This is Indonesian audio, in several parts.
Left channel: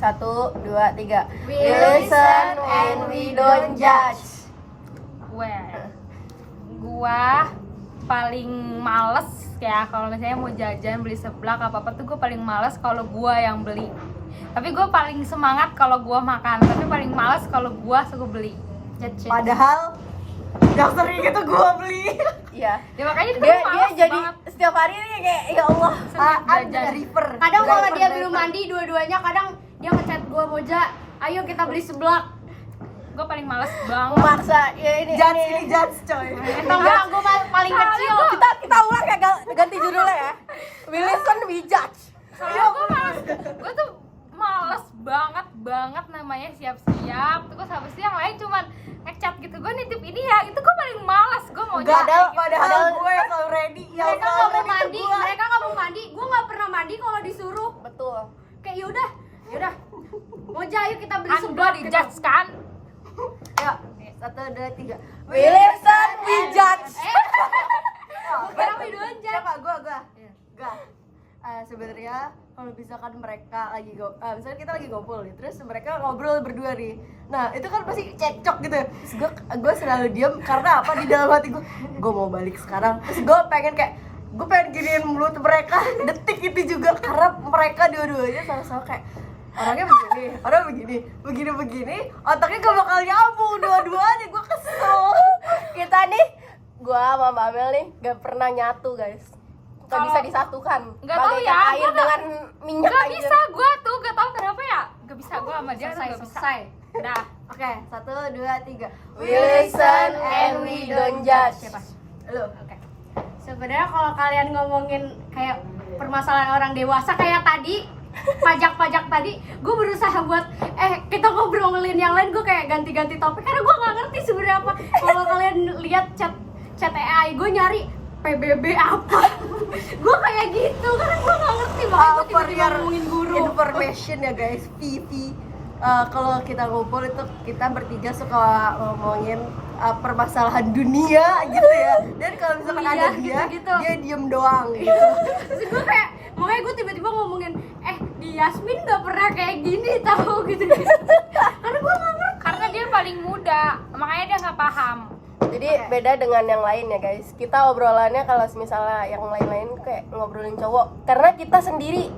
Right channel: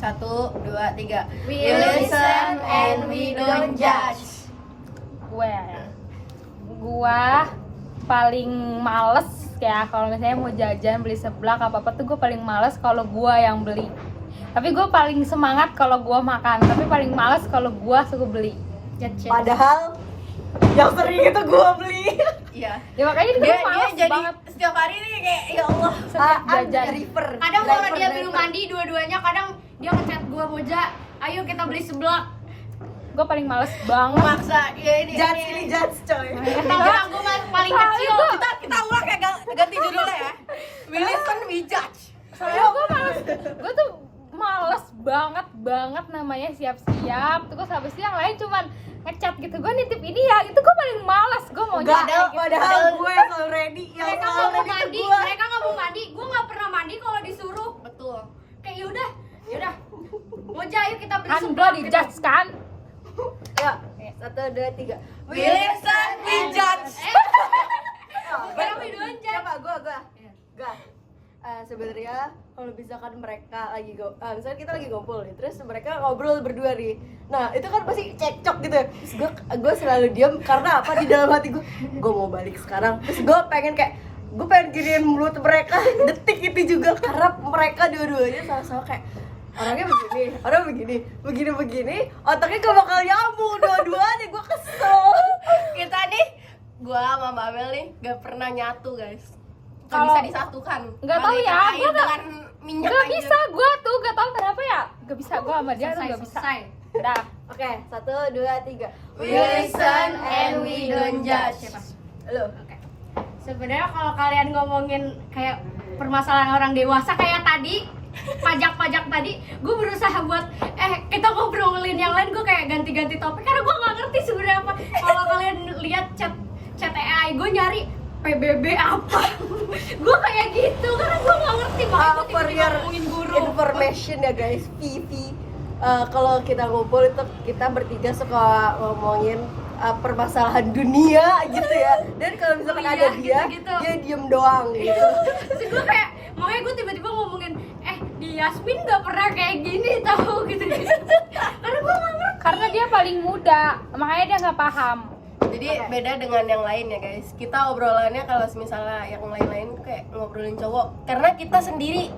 1, 2, 3. We We listen and we don't judge. Gua paling males ya kalau misalnya mau jajan beli seblak apa tuh gue paling males kalau gua yang beli. Tapi gue paling semangat kalau gua makan, tapi paling males kalau gua suka beli. Padahal yang sering itu gue beli. Iya. Ya makanya Dia males jadi banget. setiap hari nih kayak ya Allah. Jajan. River. Kadang kalau dia belum mandi dua-duanya, kadang dia ngechat gue, Moja, ayo kita beli seblak. Gue paling males banget. Maksa ya ini. Judge ini judge coy. Tentang gue paling kecil. Kita ulang ya, ganti judulnya ya. We listen, we judge. Soalnya gue tuh males banget namanya siap-siap. Terus habis itu yang lain cuman ngechat gitu, gue nitip ini ya, itu gue paling males. Gue mau Padahal gue yang selalu ready. Yang Mereka selalu nggak mau ready mandi, tuh gue. mereka nggak mau mandi. Gue nggak pernah mandi kalau disuruh. Betul. Kayak yaudah. Moja, ayo kita beli kan gue seblak. di judge kan. Ya, 1, 2, 3. We listen, we judge. Orang videoan judge. Siapa? Gue. Sebenarnya kalau misalkan mereka lagi misalkan kita lagi ngumpul nih, terus mereka ngobrol berdua nih, nah itu kan pasti cekcok gitu ya. Terus gue selalu diam karena apa, di dalam hati gue mau balik sekarang. Terus gue pengen giniin mulut mereka detik itu juga, karena mereka dua-duanya sama-sama kayak orangnya begini, otaknya gak bakal nyambung dua-duanya. Gue kesel. Kita nih, gua sama Mbak Amel nih gak pernah nyatu guys. Gak bisa disatukan. Nggak tahu Bagaikan ya, air gua dengan minyak Gak aja. bisa, gue tuh gak tahu kenapa ya. Gak bisa, gue sama dia tuh gak bisa. Selesai. Dah. Oke, 1, 2, 3. We listen and we don't judge. Siapa? Lo. Oke. Sebenarnya kalau kalian ngomongin kayak permasalahan orang dewasa kayak tadi, pajak tadi, gue berusaha buat kita ngobrolin yang lain, gue kayak ganti-ganti topik karena gue nggak ngerti sebenarnya apa. Kalau kalian lihat chat AI gue nyari PBB apa, gue kayak gitu karena gue nggak ngerti, makanya gue For tiba-tiba your ngomongin guru. information ya guys, Vivi, kalau kita ngumpul itu kita bertiga suka ngomongin permasalahan dunia gitu ya. Dan kalau misalkan Iya, ada dia, gitu-gitu. dia diem doang gitu. Terus gue kayak, makanya gue tiba-tiba ngomongin di Yasmin nggak pernah kayak gini tahu gitu karena gue nggak ngerti. Karena dia paling muda, makanya dia nggak paham. Jadi beda dengan yang lain ya guys. Kita obrolannya kalau misalnya yang lain-lain tuh kayak ngobrolin cowok, karena kita sendiri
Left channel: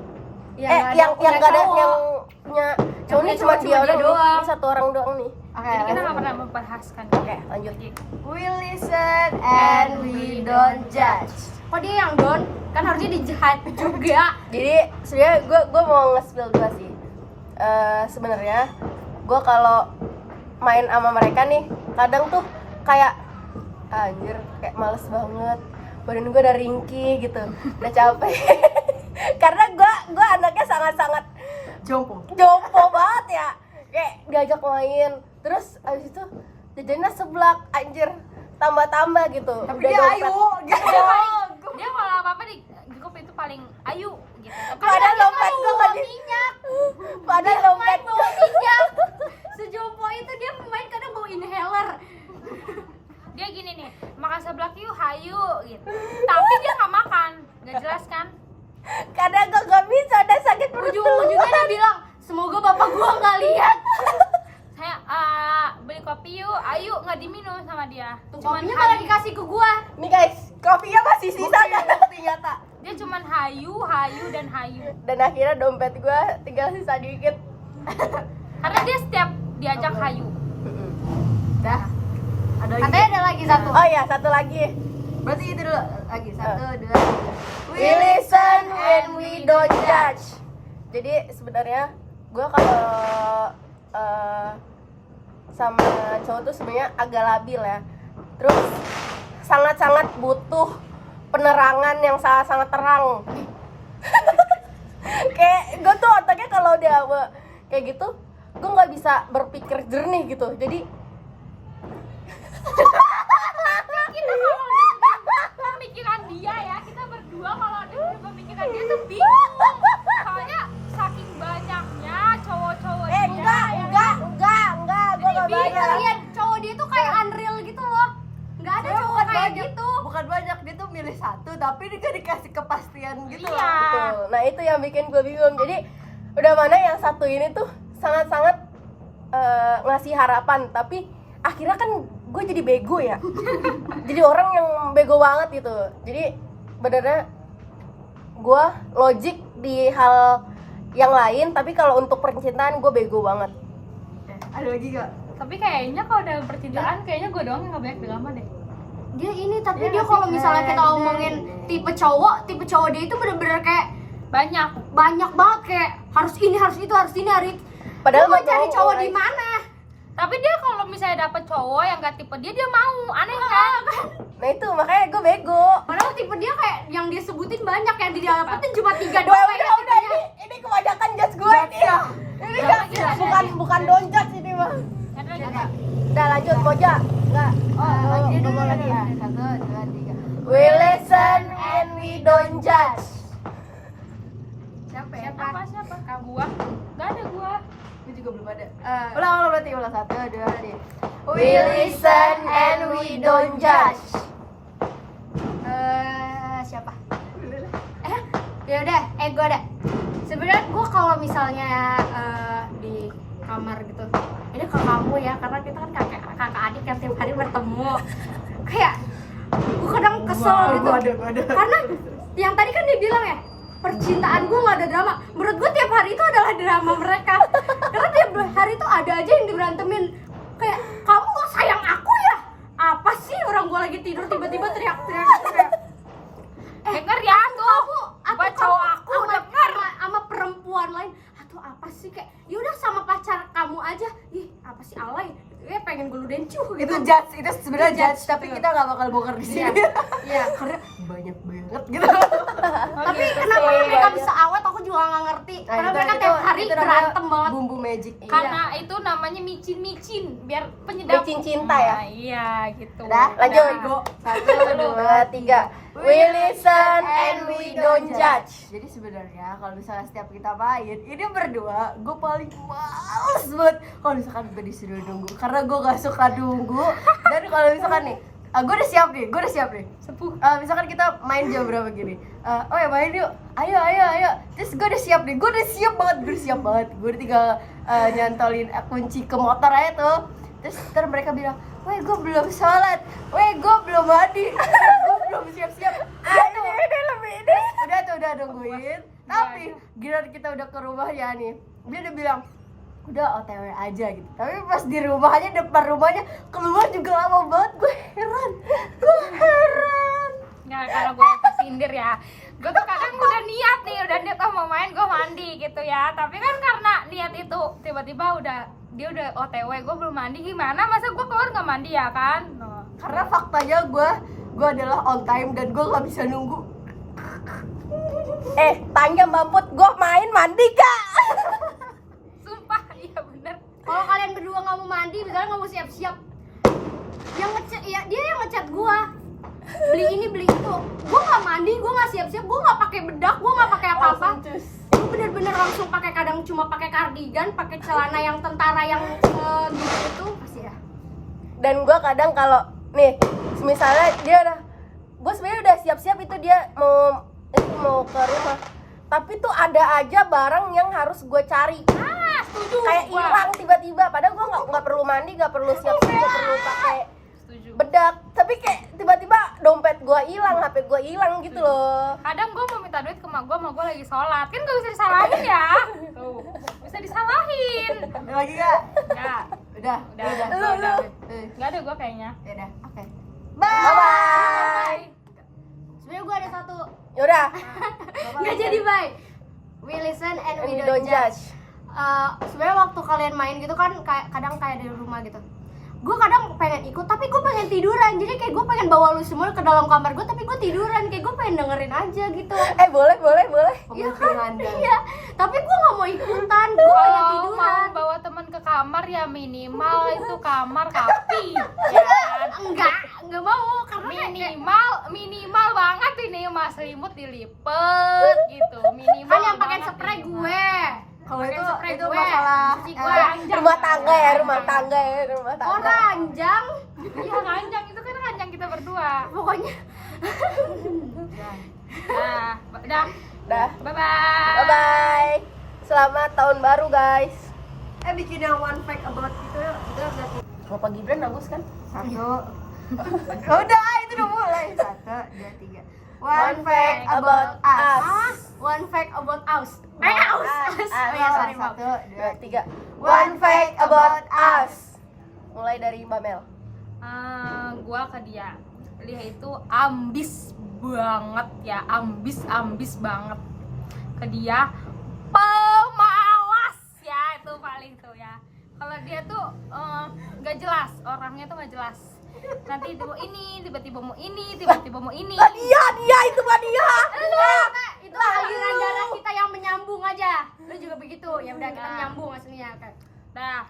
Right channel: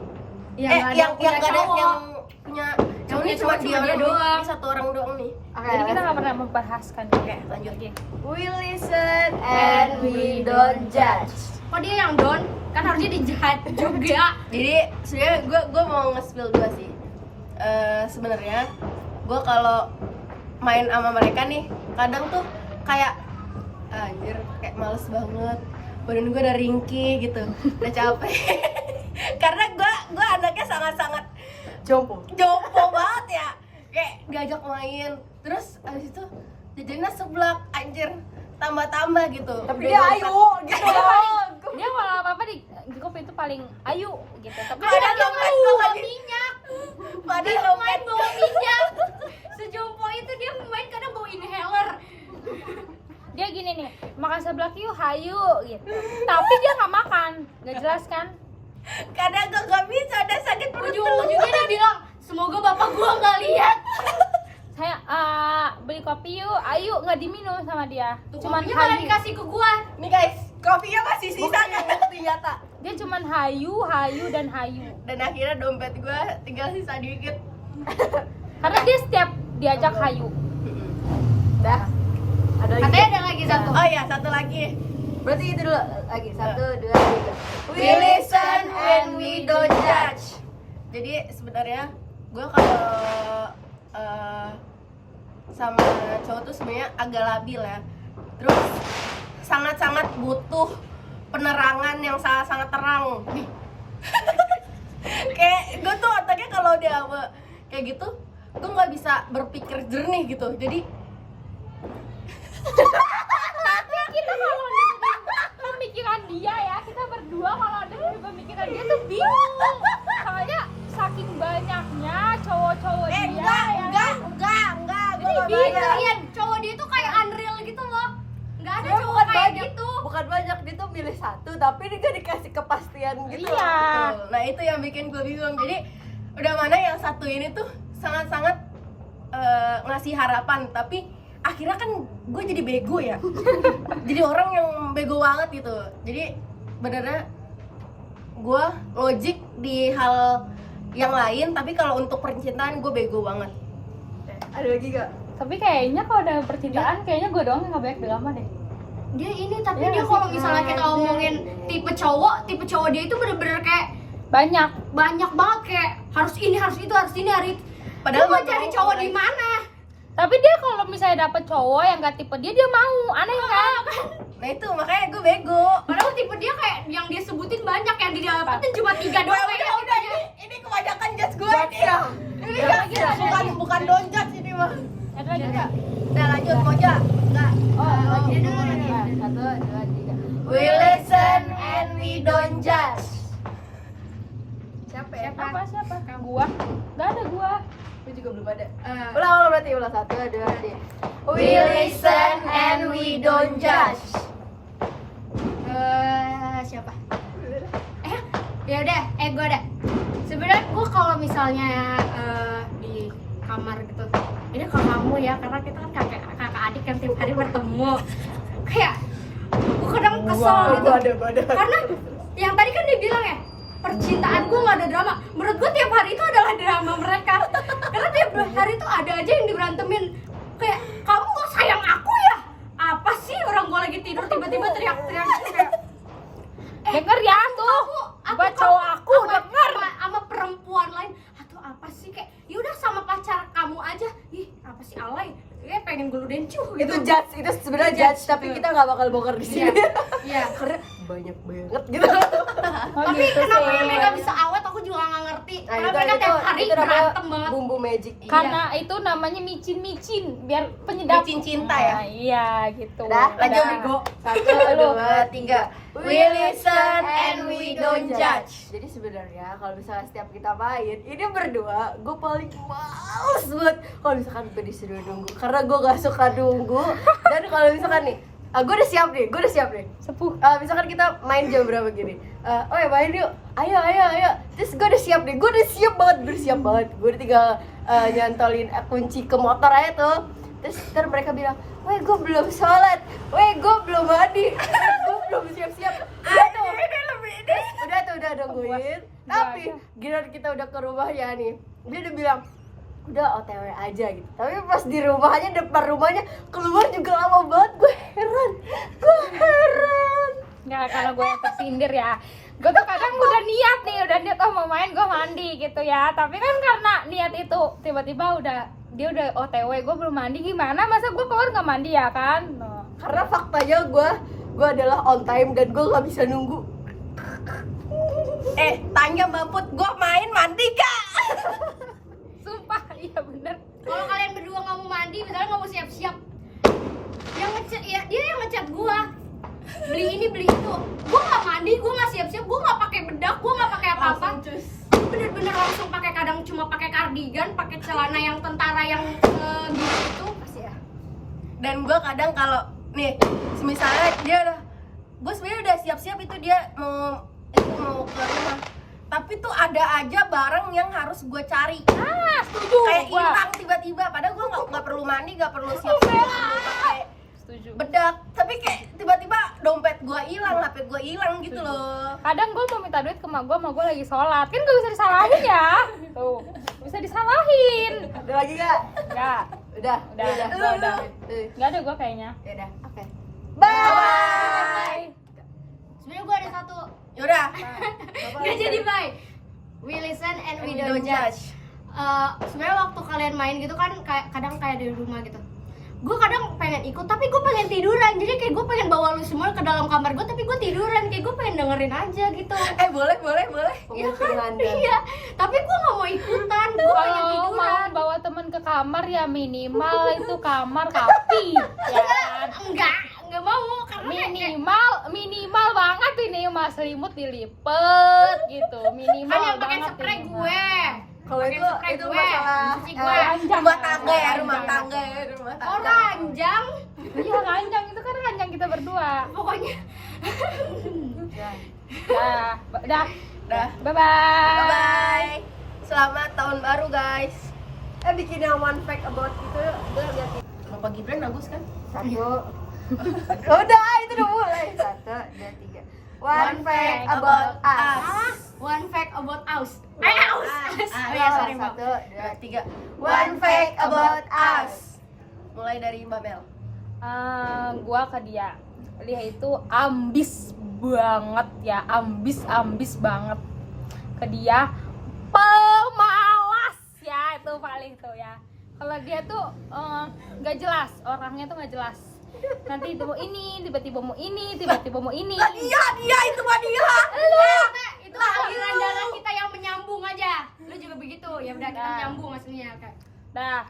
yang gak ada yang punya cowok ini cuma dia doang. Ini satu orang doang nih. Oke, Jadi kita let's nggak go. pernah membahaskan. Oke, lanjut. We listen and we don't judge. Kok dia yang down? Kan harusnya dijahat juga. Jadi sebenarnya gue mau nge-spill dua sih. Sebenarnya gue kalau main sama mereka nih, kadang tuh kayak anjir, kayak males banget. Badan gue udah ringkih gitu, udah capek. Karena gue anaknya sangat-sangat Jompo. banget ya. Kayak diajak main, terus abis itu jajannya seblak, anjir, tambah gitu. Tapi Udah dia dompet. ayu gitu loh. Dia kalau apa-apa di grup itu paling ayu gitu. Tapi Padahal dompet gue bawa lagi minyak. padahal Dia dompet main bawa minyak. Sejompo itu dia main kadang bawa inhaler. dia gini nih, makan seblak yuk, hayu gitu. Tapi dia nggak makan, nggak jelas kan? kadang gue gak bisa, udah sakit perut. Ujung-ujungnya dia bilang, semoga bapak gua nggak lihat. Saya beli kopi yuk, ayu nggak diminum sama dia. Cuman Kopinya malah hayu. dikasih ke gua. Nih guys, kopinya masih sisa kan ternyata. Dia cuman hayu dan hayu. Dan akhirnya dompet gue tinggal sisa dikit. Karena dia setiap diajak hayu. Dah. Ada lagi. Katanya ada lagi satu. Oh iya, satu lagi. Berarti itu dulu lagi. 1, 2, 3. We listen and we don't judge. Jadi sebenarnya gue kalau sama cowok tuh sebenarnya agak labil ya. Terus sangat-sangat butuh penerangan yang sangat terang. Kayak gue tuh otaknya kalau dia kayak gitu, gue nggak bisa berpikir jernih gitu. Jadi Kita kalau dengerin pemikiran dia ya, kita berdua kalau dengerin pemikiran dia tuh bingung. Soalnya saking banyaknya cowok-cowok dia. enggak, gue nggak Dia banyak. kalian cowok dia tuh kayak unreal gitu loh. Nggak ada Sebenarnya cowok bukan kayak banyak, gitu. bukan banyak, dia tuh milih satu tapi dia gak dikasih kepastian gitu Iya. loh. Betul. Nah itu yang bikin gue bingung. Jadi Udah mana yang satu ini tuh sangat-sangat ngasih harapan, tapi akhirnya kan gue jadi bego ya. Jadi orang yang bego banget gitu. Jadi benernya gue logik di hal yang lain, tapi kalau untuk percintaan gue bego banget. Ada lagi gak? Tapi kayaknya kalau dalam percintaan kayaknya gue doang yang gak banyak drama deh. Dia ini tapi Iya dia nggak kalau sih? misalnya kita ngomongin tipe cowok dia itu bener-bener kayak Banyak. banyak banget, kayak harus ini, harus itu, harus ini, harus itu. Padahal Lu mau nggak cari mau, cowok guys. di mana? Tapi dia kalau misalnya dapet cowok yang gak tipe dia mau. Aneh kan? Nah itu makanya gue bego. Padahal tipe dia kayak yang dia sebutin banyak, yang dia dapetin cuma 3 Ya doang udah, kayaknya udah tipenya. ini kebanyakan judge gue ini. Ini bukan don't judge ini mah. Ada lagi. Udah lanjut Moja. Enggak. Lagi ngomong dulu lagi. lagi. 1, 2, 3. We listen and we don't judge. Siapa ya? Siapa? Gua? Gak ada gua. Gue juga belum ada. Eh, Ulang berarti, ulang 1, 2, 3. We listen and we don't judge. Siapa? Ya udah, gue ada. Sebenarnya gue kalau misalnya di kamar gitu, ini ke kamu ya, karena kita kan kakak adik yang tiap hari bertemu. Kayak gue kadang kesel gitu. Gua ada. Karena yang tadi kan dia bilang ya, percintaan gue gak ada drama. Menurut gue tiap hari itu adalah drama mereka. Karena tiap hari itu ada aja yang diberantemin. Kayak, kamu gak sayang aku ya? Apa sih, orang gue lagi tidur tiba-tiba teriak-teriak gitu kayak, Denger ya tuh. atau cowok aku sama perempuan lain, atau apa sih, kayak yaudah sama pacar kamu aja. Ih, apa sih alay, kayak pengen gue dencuh gitu. Itu judge, itu sebenarnya Itu judge, judge, tapi betul. kita nggak bakal bongkar di sini. Iya. Karena banyak banget gitu. Tapi kenapa ya mereka bisa awet, aku juga gak ngerti. Karena mereka tiap hari namanya berantem banget. bumbu magic. Karena itu namanya micin-micin biar penyedap Micin cinta ya. Nah, iya gitu. Udah, Lanjut. bego. 1, 2, 3. We listen and we don't judge. Jadi sebenarnya kalau misalnya setiap kita main, ini berdua gue paling males banget kalau misalkan gue disuruh nunggu, karena gue gak suka nunggu. Dan kalau misalkan nih, gue udah siap nih. Sepuh. Misalkan kita main jam berapa gini, oh ya main yuk, ayo. Terus gue udah siap banget. Gue udah tinggal nyantolin kunci ke motor aja tuh. Terus ntar mereka bilang, weh gue belum sholat, weh gue belum mandi, gue belum siap-siap. Udah nungguin. Tapi giliran kita udah ke rumahnya nih, dia udah bilang, udah OTW aja gitu. Tapi pas di rumahnya, depan rumahnya, keluar juga lama banget. Gue heran. Nggak, kalau gue yang tersindir ya. Gue tuh kadang udah niat mau main, gue mandi gitu ya. Tapi kan karena niat itu tiba-tiba dia udah OTW, gue belum mandi, gimana? Masa gue keluar nggak mandi ya kan? No. Karena faktanya gue adalah on time dan gue nggak bisa nunggu. Tanya Mbak Put, gue main mandi gak? Sumpah, iya bener. Kalau kalian berdua nggak mau mandi, misalnya nggak mau siap-siap, yang ngechat ya dia yang ngechat gua, beli ini beli itu, gua nggak mandi, gua nggak siap-siap, gua nggak pakai bedak, gua nggak pakai apa-apa, gua bener-bener langsung pakai, kadang cuma pakai kardigan, pakai celana yang tentara yang gitu itu pasti ya. Dan gue kadang kalau nih, misalnya dia gue sebenarnya udah siap-siap, itu dia mau ke rumah, tapi tuh ada aja barang yang harus gue cari. Setuju. Kayak Gua. hilang tiba-tiba, padahal gue nggak perlu mandi, nggak perlu siap-siap, nggak perlu pakai Setuju. bedak, tapi kayak tiba-tiba dompet gue hilang, HP gue hilang gitu loh. Kadang gue mau minta duit ke mak gue lagi sholat, kan gak bisa disalahin ya. Tuh, bisa disalahin. Ada lagi gak? Enggak, Udah. enggak ada gue kayaknya. Ya udah, oke. Bye. Sebenarnya gua ada satu, Yaudah, nggak jadi bye. We listen and we don't judge. Sebenarnya waktu kalian main gitu kan, kadang kayak di rumah gitu, gue kadang pengen ikut tapi gue pengen tiduran, jadi kayak gue pengen bawa lu semua ke dalam kamar gue, tapi gue tiduran, kayak gue pengen dengerin aja gitu. boleh. Iya Pemikiran kan? Anda. Iya, tapi gue nggak mau ikutan, gue pengen Kalau mau tiduran. bawa teman ke kamar ya minimal itu kamar kapi, ya kan? Enggak mau, karena kayak Minimal banget ini mah, selimut dilipet gitu, minimal kan yang pakai banget spray ini mah. gue. Kalau Pakai itu spray itu gue, masalah cuci gue. rumah tangga ya, rumah tangga. Oh ranjang, Ya ranjang itu kan ranjang kita berdua. pokoknya. Dah, Dah. bye bye. Bye bye. Selamat tahun baru guys. Bikin yang one fact about itu yuk. Udah lihat. Bapak Gibran bagus kan? 1. Udah, itu udah mulai. 1, 2, 3. One fact about us. One fact about us. Aus. Oh ya, sorry, Mbak. 1, 2, 3. One fact about us. Mulai dari Mbak Mel. Gua ke dia itu ambis banget ya, ambis banget ke dia, pemalas ya, itu paling tuh ya. Kalau dia tuh nggak jelas, orangnya tuh nggak jelas, nanti mau ini tiba-tiba mau ini tiba-tiba mau ini. Dia itu Mbak dia. Itu aliran darah kita yang menyambung aja. Lu juga begitu. Ya udah kita menyambung aslinya. Oke. Dah,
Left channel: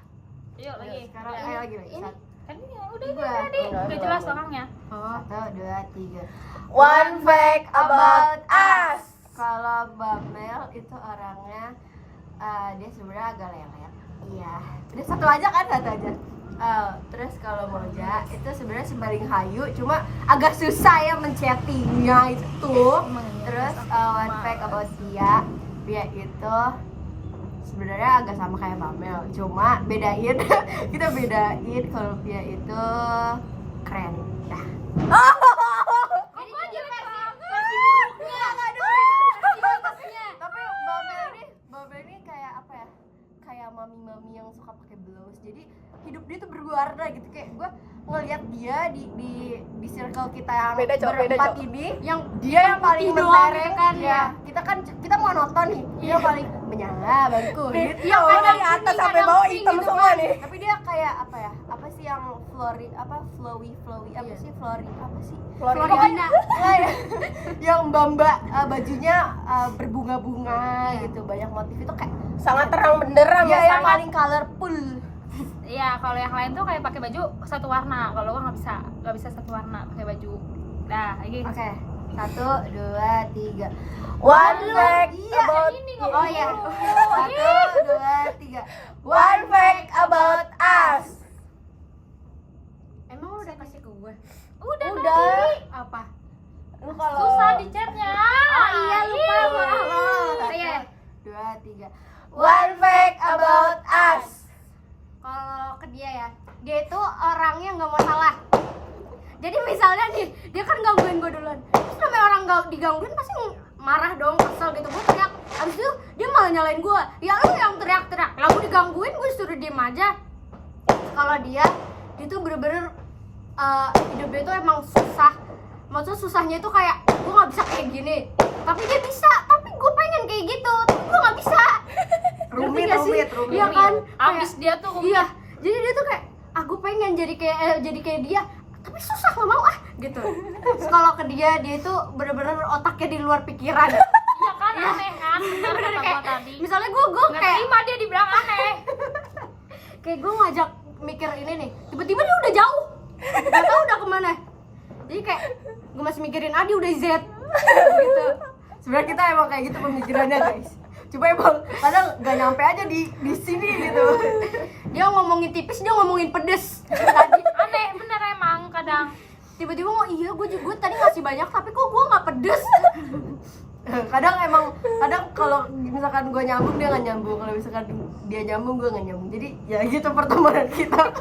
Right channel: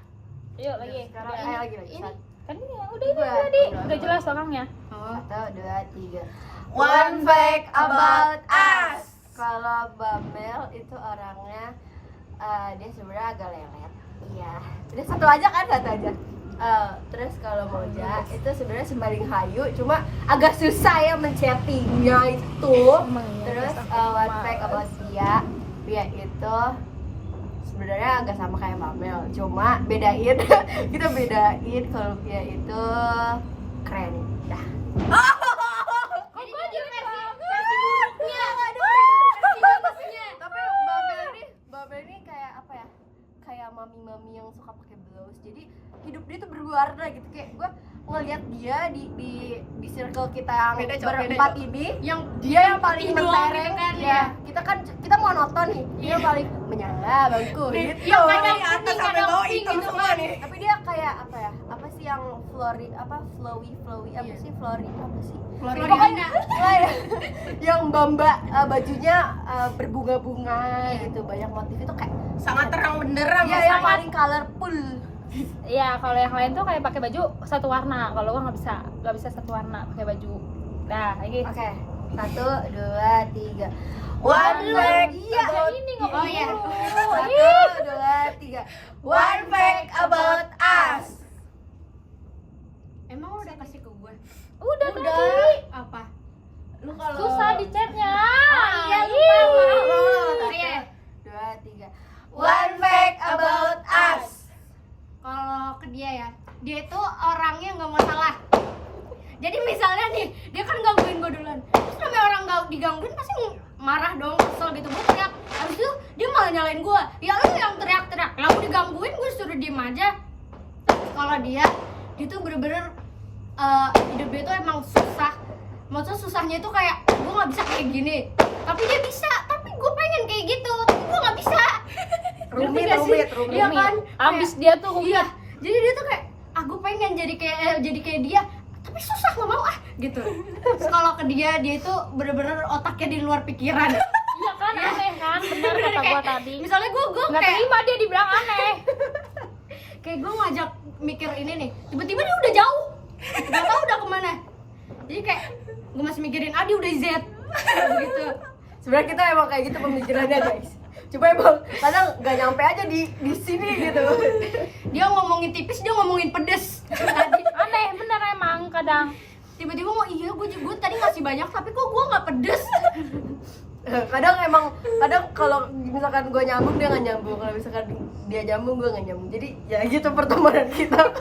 yuk lagi. Sekarang Ini. lagi. Ini kan ini ya, udah Gua. tadi udah jelas orangnya. 1, 2, 3. One fact about us. Kalau Bamel itu orangnya dia sebenarnya agak lelet. Iya. Udah satu aja kan, satu aja. Terus kalau Moja itu sebenarnya sembaling hayu, cuma agak susah ya menchattingnya itu. Terus one fact about Pia itu sebenarnya agak sama kayak Bamel, cuma bedain kita bedain kalau Pia itu keren. Dah. Jadi dia versi buruknya. Versi bagusnya. Tapi Babel ini kayak apa ya, kayak mami yang suka pakai blouse, jadi hidup dia tuh berwarna gitu. Kayak gue ngeliat dia di circle kita yang Beda, Cok, beda, berempat Cok. ini, Yang dia yang paling putih doang mentereng gitu kan, ya. Kita monoton nih, dia paling menyala bangku gitu. Yang kadang Dari atas kuning, sampai kadang bawah pink hitam gitu semua kan. nih. Tapi dia kayak apa ya, apa sih yang flowy apa Iya. sih flory apa sih Florina. yang mbak bajunya berbunga-bunga gitu, banyak motif itu kayak Sangat terang benderang ya, ya. yang paling colorful. Iya, kalau yang lain tuh kayak pakai baju satu warna. Kalau gua nggak bisa satu warna pakai baju. Dah, lagi. Oke, 1, 2, 3. One fact about Oh iya. 1, 2, 3. One fact about us. Emang lu udah kasih ke gue? Udah. Apa? Lu kalau Susah di chatnya. Oh iya, lupa. Satu, Iya. 2, 3. one fact about us. Kalau ke dia ya, dia itu orangnya nggak mau salah. Jadi misalnya nih, dia kan gangguin gue duluan. Terus namanya orang digangguin pasti marah dong, kesel gitu. Gue teriak, abis itu dia malah nyalain gue. Ya lu yang teriak-teriak, lah gue digangguin gue suruh diem aja. Kalau dia tuh bener-bener hidup dia tuh emang susah. Maksudnya susahnya itu kayak gue nggak bisa kayak gini, tapi dia bisa. Tapi gue pengen kayak gitu, tapi gue nggak bisa. Ngerti gak sih? Rumit. Iya kan? Abis dia tuh rumit. Iya, jadi dia tuh kayak gue pengen jadi kayak dia, tapi susah nggak mau gitu. Terus kalau ke dia itu bener-bener otaknya di luar pikiran. Iya kan, aneh kan, benar kata gua Kayak, tadi. misalnya gue Nggak kayak terima dia dibilang aneh. kayak gue ngajak mikir ini nih, tiba-tiba dia udah jauh, nggak tahu udah kemana. Jadi kayak gue masih mikirin Adi udah Z gitu. Sebenarnya kita emang kayak gitu pemikirannya, guys. Coba emang kadang nggak nyampe aja di sini gitu. Dia ngomongin tipis, dia ngomongin pedes tadi. Aneh bener emang kadang. Tiba-tiba mau gue tadi ngasih banyak tapi kok gue nggak pedes. Kadang kalau misalkan gue nyambung dia nggak nyambung, kalau misalkan dia nyambung gue nggak nyambung. Jadi ya gitu pertemanan kita.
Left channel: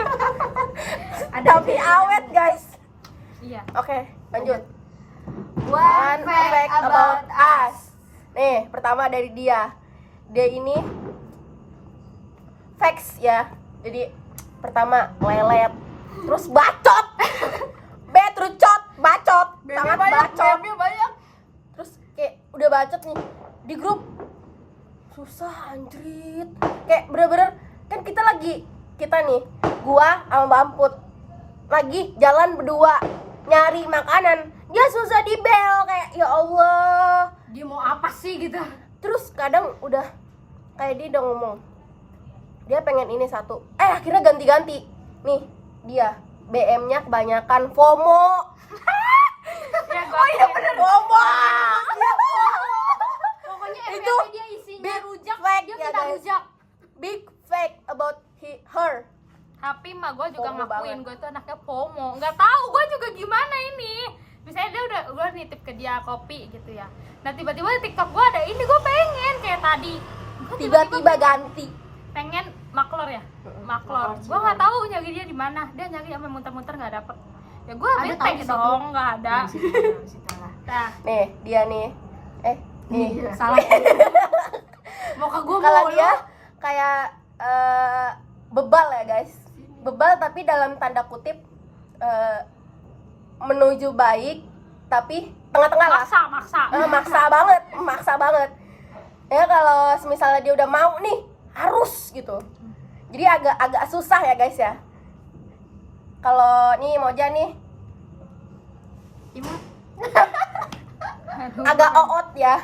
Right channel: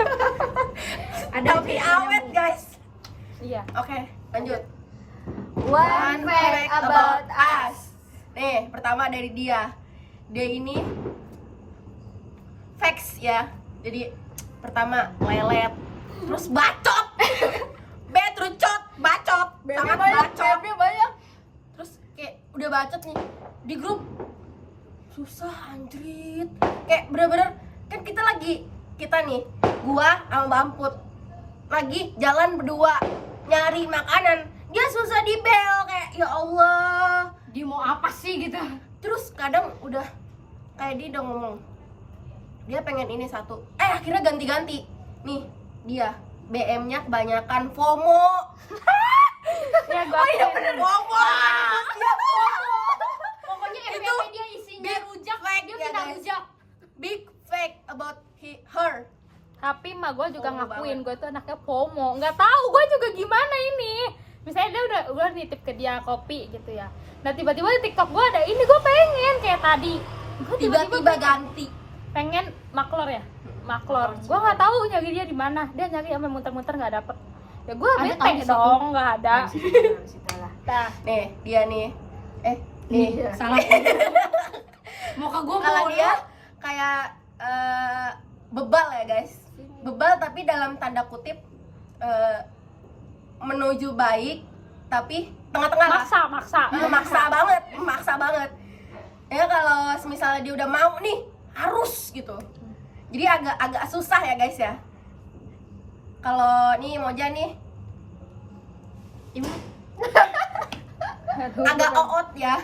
Tapi awet guys. Iya. Oke, lanjut. One fact about us. Nih, pertama dari dia. Dia ini facts ya. Jadi pertama lelet, terus bacot. Betrucot, bacot. Sangat bacot. banyak. Terus kayak udah bacot nih di grup. Susah anjrit. Kayak bener-bener kan kita nih, gua sama Mbak Amput lagi jalan berdua nyari makanan. Dia susah di bel kayak ya Allah. Dia mau apa sih gitu. Terus kadang udah kayak dia udah ngomong dia pengen ini satu, akhirnya ganti-ganti nih dia BM-nya kebanyakan FOMO. Oh iya bener. FOMO. Pokoknya Itu FYP dia isinya big rujak, fact dia ya, minta guys. rujak. Big fact about her. Tapi emak gue juga FOMO ngakuin banget. gue tuh anaknya FOMO. Nggak tahu gue juga gimana ini. Misalnya dia udah nitip ke dia kopi gitu ya. Nah tiba-tiba di TikTok gue ada ini, gue pengen kayak tadi tiba-tiba ganti. pengen maklor ya, maklor. Gue nggak tahu nyari dia di mana, dia nyari sampai muter-muter nggak dapet. Ya gue Ada tahu bete di situ. dong, nggak ada. Nah, Nih dia nih, nih Salah. Muka gue kalau mulu. dia kayak bebal ya guys, bebal tapi dalam tanda kutip menuju baik tapi tengah-tengah lah. maksa banget ya. Kalau misalnya dia udah mau nih harus gitu, jadi agak susah ya guys ya. Kalau nih Moja nih aduh, agak oot ya.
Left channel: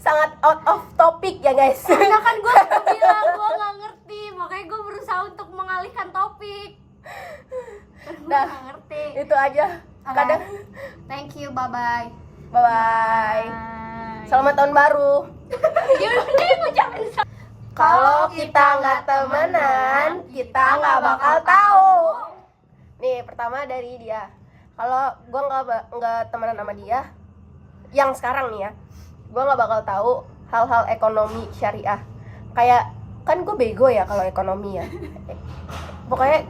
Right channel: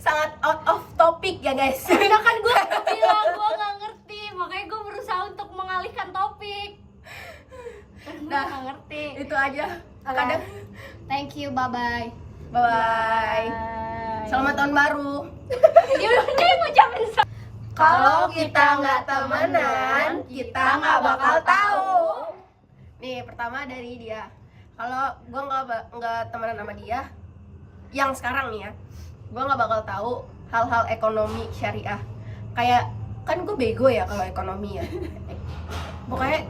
Sangat out of topic ya guys. Karena kan gue bilang gue nggak ngerti, makanya gue berusaha untuk mengalihkan topik. Gue Nah, nggak ngerti. itu aja. Kadang Thank you, bye bye. bye bye. Selamat tahun baru. Dia ngucapin Kalau kita nggak temenan, kita nggak bakal tahu. Nih pertama dari dia. Kalau gue nggak temenan sama dia, yang sekarang nih ya, gue nggak bakal tahu hal-hal ekonomi syariah. Kayak kan gue bego ya kalau ekonomi ya. Pokoknya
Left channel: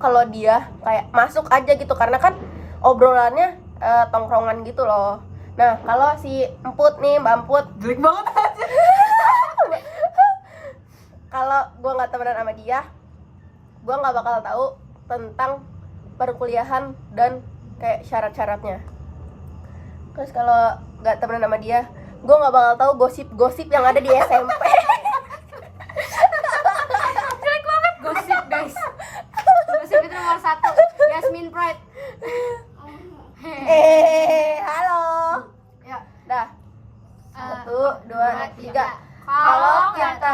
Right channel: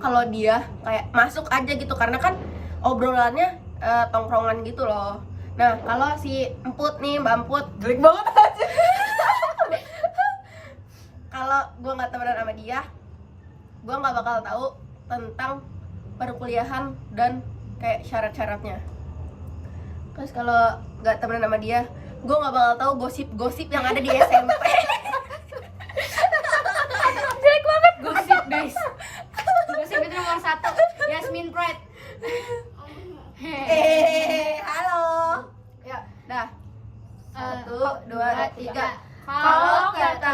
kalau dia kayak masuk aja gitu, karena kan obrolannya tongkrongan gitu loh. Nah kalau si Emput nih, Mbak Emput, jelek banget aja. Kalau gue nggak temenan sama dia, gue nggak bakal tahu tentang perkuliahan dan kayak syarat-syaratnya. Terus kalau nggak temenan sama dia, gue nggak bakal tahu gosip-gosip yang ada di SMP. jelek banget. Gosip guys. Gosip itu nomor 1. Yasmin Pride. Halo. Ya, Dah. 1, 2, 3. Kalau kita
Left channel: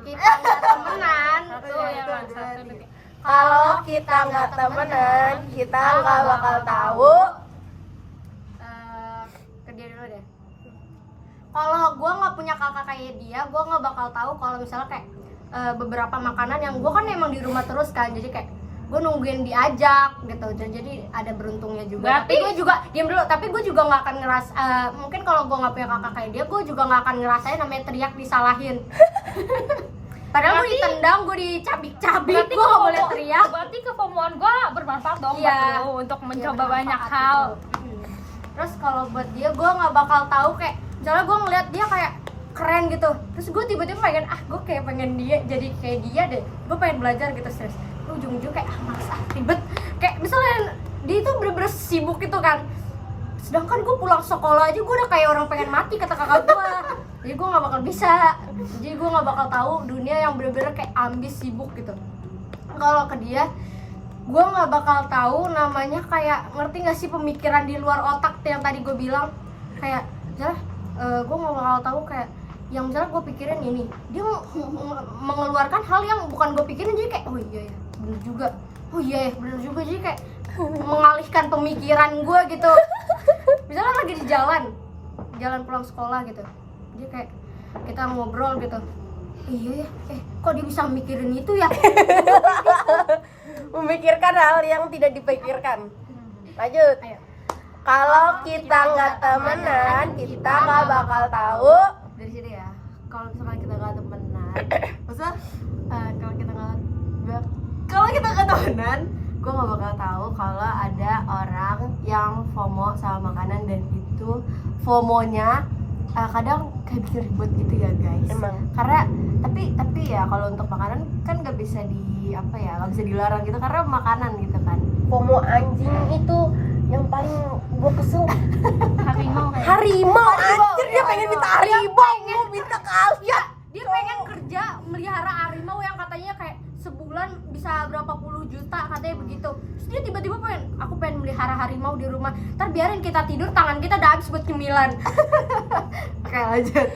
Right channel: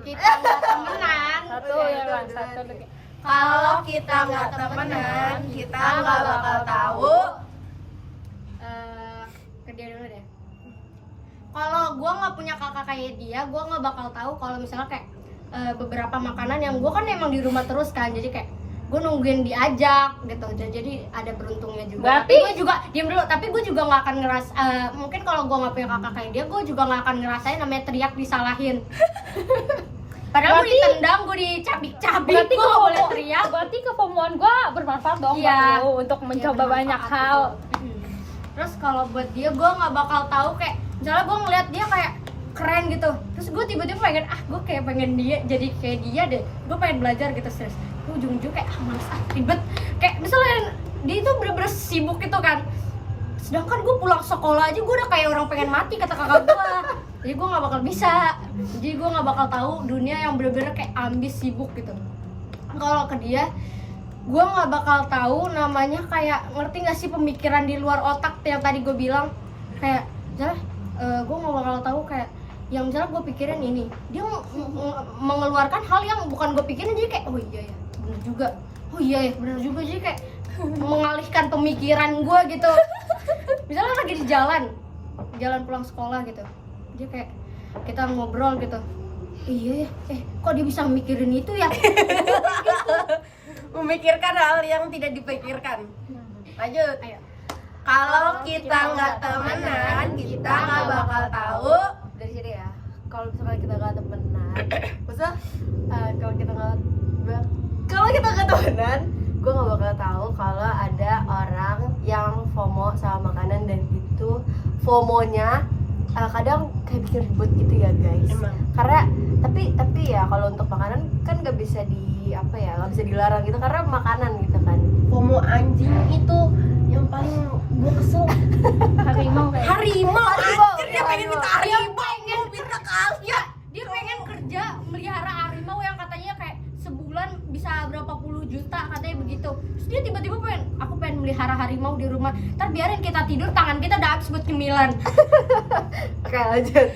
kita nggak temenan, Satu ya kan, satu. Kalau kita nggak temenan, kita nggak bakal tahu. Ke dia dulu deh. Kalau gue nggak punya kakak kayak dia, gue nggak bakal tahu kalau misalnya kayak beberapa makanan yang gue kan emang di rumah terus kan, jadi kayak gue nungguin diajak gitu, jadi ada beruntungnya juga. Tapi gue juga diam dulu, tapi gue juga nggak akan mungkin kalau gue nggak punya kakak kayak dia, gue juga nggak akan ngerasain namanya teriak disalahin. Padahal gue ditendang, gue dicabik-cabik, gue nggak boleh teriak. Berarti kepomoan gue bermanfaat dong Iya. buat lu untuk mencoba banyak hal. Terus kalau buat dia, gue nggak bakal tahu kayak misalnya gue ngeliat dia kayak keren gitu, terus gue tiba-tiba pengen gue kayak pengen dia jadi kayak dia deh, gue pengen belajar gitu serius. Gue ujung-ujung kayak males ribet, kayak misalnya dia itu bener-bener sibuk gitu kan, sedangkan gue pulang sekolah aja gue udah kayak orang pengen mati kata kakak gue. Jadi gue nggak bakal bisa, jadi gue nggak bakal tahu dunia yang bener-bener kayak ambis sibuk gitu. Kalau ke dia, gue nggak bakal tahu namanya kayak, ngerti nggak sih pemikiran di luar otak yang tadi gue bilang, kayak misalnya gue nggak bakal tahu kayak yang misalnya gue pikirin ini, dia mengeluarkan hal yang bukan gue pikirin, jadi kayak oh iya ya bener juga, oh iya ya bener juga, jadi kayak mengalihkan pemikiran gue gitu. Misalnya lagi di jalan pulang sekolah gitu, dia kayak kita ngobrol gitu, iya ya, kok dia bisa mikirin itu ya. Memikirkan hal yang tidak dipikirkan. Lanjut. Ayo. Kalau kita nggak temenan, kita nggak bakal tahu. dari sini ya. Kalau misalkan kita nggak temenan, maksudnya kalau kita nggak temenan, gue nggak bakal tahu kalau ada orang yang FOMO sama makanan, dan itu FOMO-nya kadang kayak bikin ribet gitu ya guys. Emang. Karena tapi ya kalau untuk makanan kan nggak bisa nggak bisa dilarang gitu, karena makanan gitu kan. FOMO anjing itu yang paling gue kesel. Harimau kayak. Harimau. Anjir dia pengen minta harimau. Minta ya, dia pengen kerja melihara harimau yang katanya kayak sebulan bisa berapa puluh juta katanya begitu. Terus dia tiba-tiba aku pengen melihara harimau di rumah. Ntar biarin kita tidur, tangan kita udah habis buat cemilan. Oke, lanjut.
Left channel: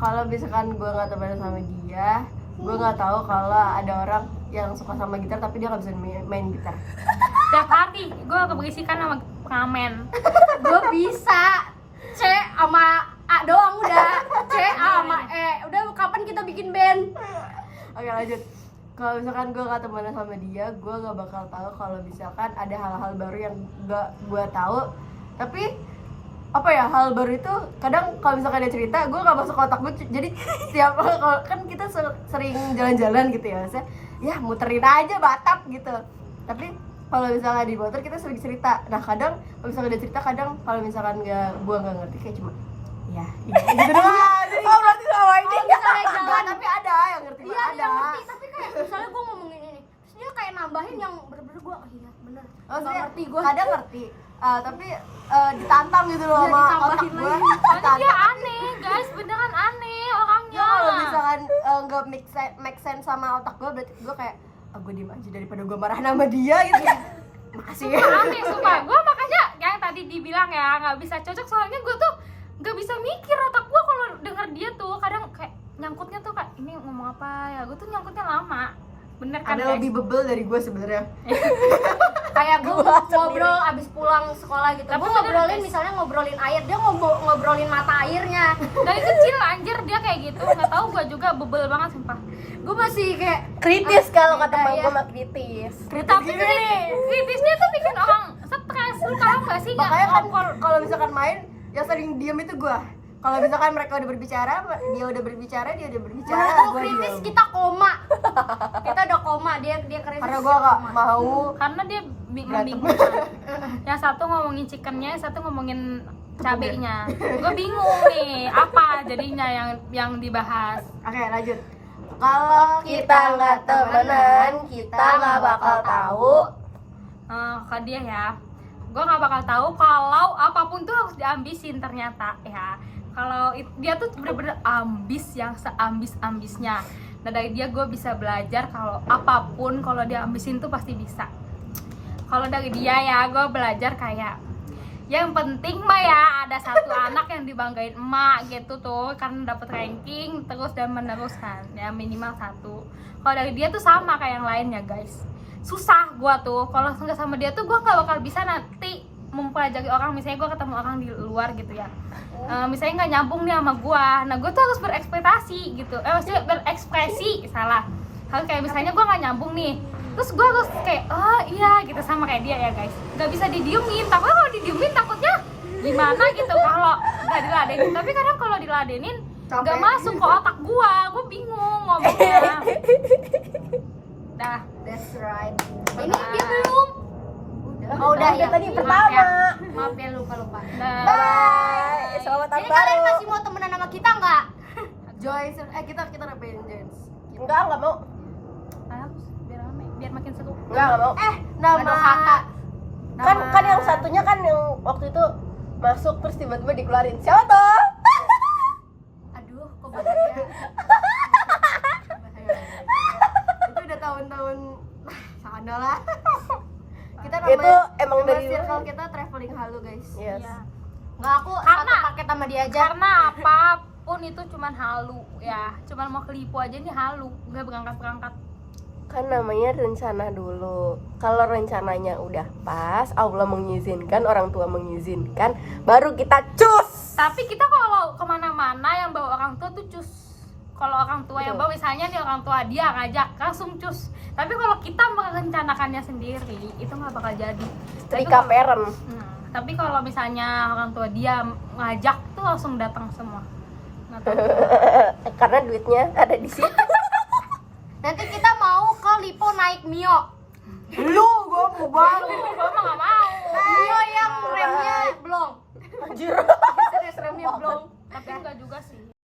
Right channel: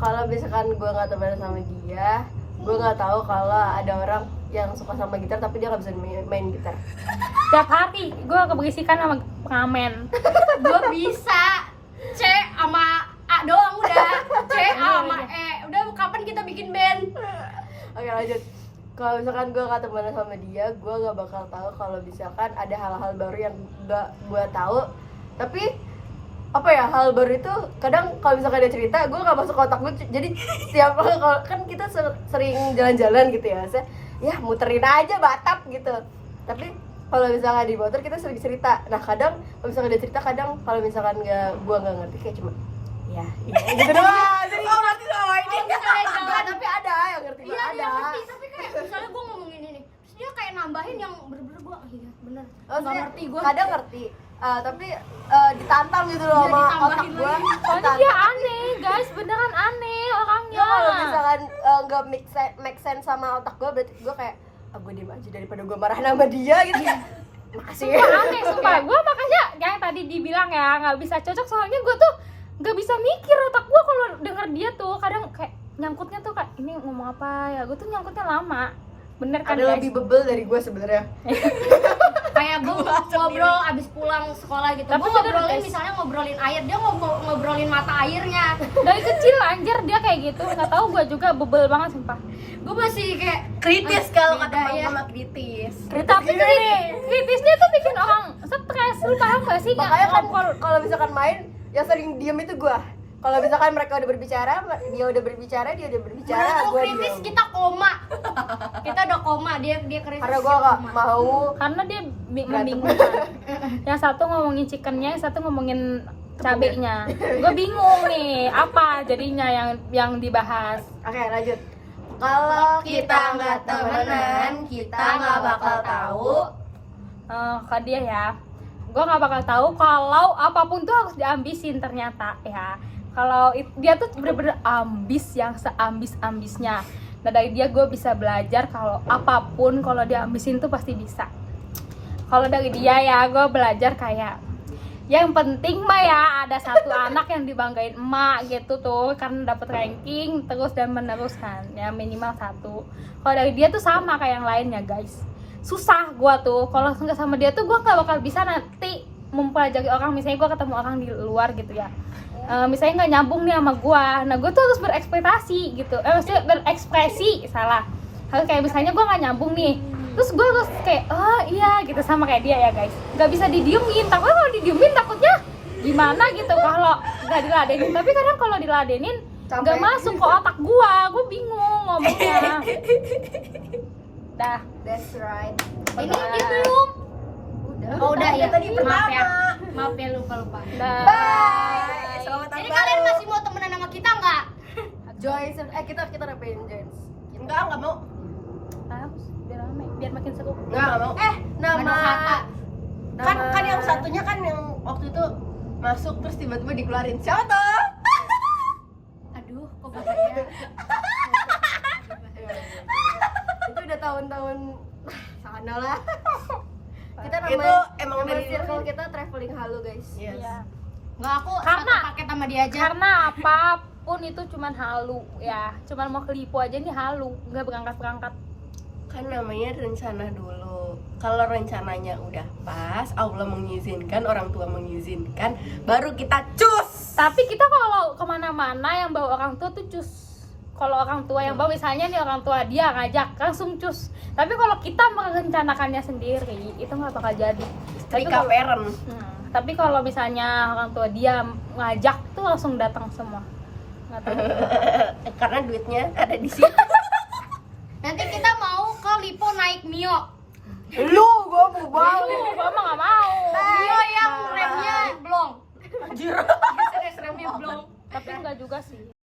Kalau misalkan gue nggak temenan sama dia, gue nggak tahu kalau ada orang yang suka sama gitar tapi dia nggak bisa main gitar. Tiap hari gue keberisikan sama pengamen. Gue bisa C sama A doang udah. C A sama E. Udah kapan kita bikin band? Oke, lanjut. Kalau misalkan gue nggak temenan sama dia, gue nggak bakal tahu kalau misalkan ada hal-hal baru yang nggak gue tahu, tapi apa ya, hal baru itu kadang kalau misalkan dia cerita gue nggak masuk ke otak gue, jadi setiap kalau kan kita sering jalan-jalan gitu ya, saya ya muterin aja Batam gitu, tapi kalau misalkan di motor kita sering cerita. Nah kadang kalau misalkan dia cerita, kadang kalau misalkan gue nggak ngerti kayak cuma ya iya gitu doang. Jadi ngerti sama ini misalnya jalan tapi ada yang ngerti iya mah dia ada. ngerti, tapi kayak misalnya gue ngomongin ini terus dia kayak nambahin yang bener-bener gue iya bener nggak Maksudnya, ngerti gue kadang ngerti, tapi ditantang gitu loh Iya, sama ditambahin otak gue. Soalnya dia aneh guys, beneran aneh orangnya. Ya kalau misalkan nggak make sense sama otak gue, berarti gue kayak gue diem aja daripada gue marah sama dia gitu. Makasih. Aneh sumpah, gue makanya yang tadi dibilang ya nggak bisa cocok, soalnya gue tuh nggak bisa mikir, otak gue kalau denger dia tuh kadang kayak nyangkutnya tuh kayak ini ngomong apa ya, gue tuh nyangkutnya lama. Bener kan Ada guys? lebih bebel dari gue sebenarnya. kayak gue ngobrol abis pulang sekolah gitu, Tapi gue bener, ngobrolin guys. misalnya ngobrolin air, dia ngobrolin mata airnya. Dari kecil anjir dia kayak gitu, nggak tahu gue juga bebel banget sumpah. Gue masih kayak Kritis kalau kata beda teman ya. gue mah kritis. Tapi kritisnya tuh bikin orang stres, lu paham gak sih? Makanya kan kalau misalkan main yang sering diem itu gue. Kalau misalkan mereka udah berbicara, dia udah berbicara, Menurut gue kritis diem. kita koma. Kita udah koma, dia kritis. Karena gue gak mau Karena dia Berantem. membingungkan. Yang satu ngomongin chickennya, yang satu ngomongin cabenya. Gue bingung nih, apa jadinya yang dibahas. Oke lanjut. Kalau Kita nggak temenan, kita nggak bakal tahu. Ke dia ya, gue nggak bakal tahu kalau apapun tuh harus diambisin ternyata ya. Kalau dia tuh bener-bener ambis yang seambis-ambisnya. Nah dari dia gue bisa belajar kalau apapun kalau diambisin tuh pasti bisa. Kalau dari dia ya gue belajar kayak yang penting mah ya ada satu anak yang dibanggain emak gitu tuh, karena dapet ranking terus dan menerus kan, ya minimal satu. Kalau dari dia tuh sama kayak yang lainnya guys, susah gua tuh kalau nggak sama dia tuh gua nggak bakal bisa nanti mempelajari orang. Misalnya gua ketemu orang di luar gitu ya, misalnya nggak nyambung nih sama gua, nah gua tuh harus berekspektasi gitu, maksudnya berekspresi salah. Kalau kayak misalnya gua nggak nyambung nih, terus gue harus kayak oh iya gitu sama kayak dia ya guys, nggak bisa didiemin. Takutnya kalau didiemin takutnya gimana gitu kalau nggak diladenin. Tapi kadang kalau diladenin nggak masuk ke otak gue bingung ngomongnya. Dah. That's right. Ini dia belum. Oh udah ya. Tadi Maaf ya. pertama. Maaf ya lupa. Dah. Bye. Selamat tahun Jadi kalian baru. masih mau temenan sama kita nggak? Joins. Kita ngapain Joins? Enggak mau. Harus biar rame, biar makin seru. Enggak mau. Nama kata. Kan yang satunya kan yang waktu itu masuk terus tiba-tiba dikeluarin. Siapa tuh? Aduh, kok bahaya. itu udah tahun-tahun sana lah. Kita Itu namanya emang nama dari circle kita traveling halu guys. Yes. Iya. Nggak, aku satu paket sama dia aja. Karena apapun itu cuman halu ya, cuman mau kelipu aja nih halu, nggak berangkat. Kan namanya rencana dulu. Kalau rencananya udah pas, Allah mengizinkan, orang tua mengizinkan, baru kita cus. Tapi kita kalau kemana-mana yang bawa orang tua tuh cus. Kalau orang tua yang bawa, misalnya nih orang tua dia ngajak langsung cus. Tapi kalau kita merencanakannya sendiri itu nggak bakal jadi. Setrika parent. Tapi kalau misalnya orang tua dia ngajak tuh langsung datang semua. Nggak tahu. Karena duitnya ada di situ. Nanti kita mau ke Lipo naik Mio. Lu gua mau banget. Gua mah nggak mau. Mio yang remnya blong. Anjir. Serius remnya blong. Tapi enggak juga sih.